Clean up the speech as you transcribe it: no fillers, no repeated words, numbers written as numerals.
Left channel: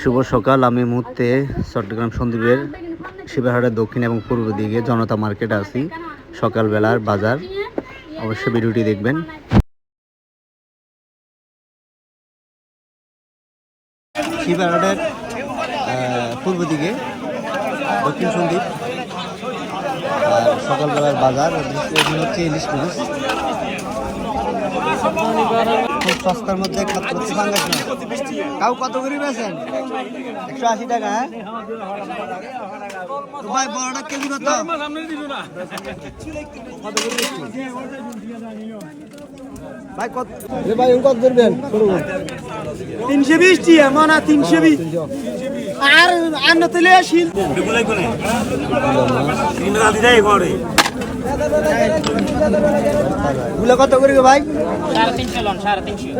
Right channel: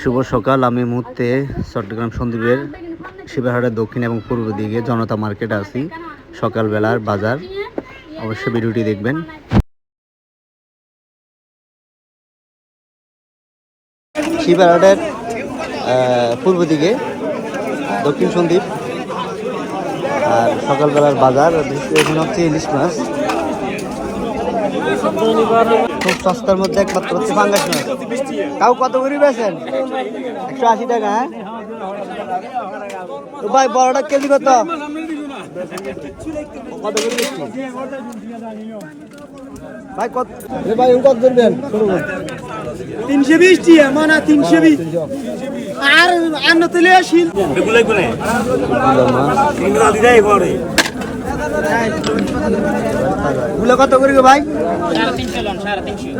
শুভ সকাল। আমি মুহূর্তে চট্টগ্রাম সন্দ্বীপের শিবাহাটের দক্ষিণ এবং পূর্ব দিকে জনতা মার্কেটে আছি। সকালবেলার বাজার, অবশ্যই ভিডিওটি দেখবেন। শিবাহাটের পূর্ব দিকে দক্ষিণ সন্দ্বীপ সকালবেলার বাজার। এখানে হচ্ছে ইলিশ মাছ, খুব সস্তার মধ্যে একমাত্র পাঙ্গাস মাছ। তাও কত করে বেছেন? 180 টাকা। হ্যাঁ ভাই, বড়টা কেজি কত? ভাই কত? ভাই কত ধরবেন? 320 টিয়া মানা 320 আর আন্ন তেলে আসিল বেগুলাই কোনে কিনা দিদাই করে গুলো কত করে গো ভাই? 350 লন 350।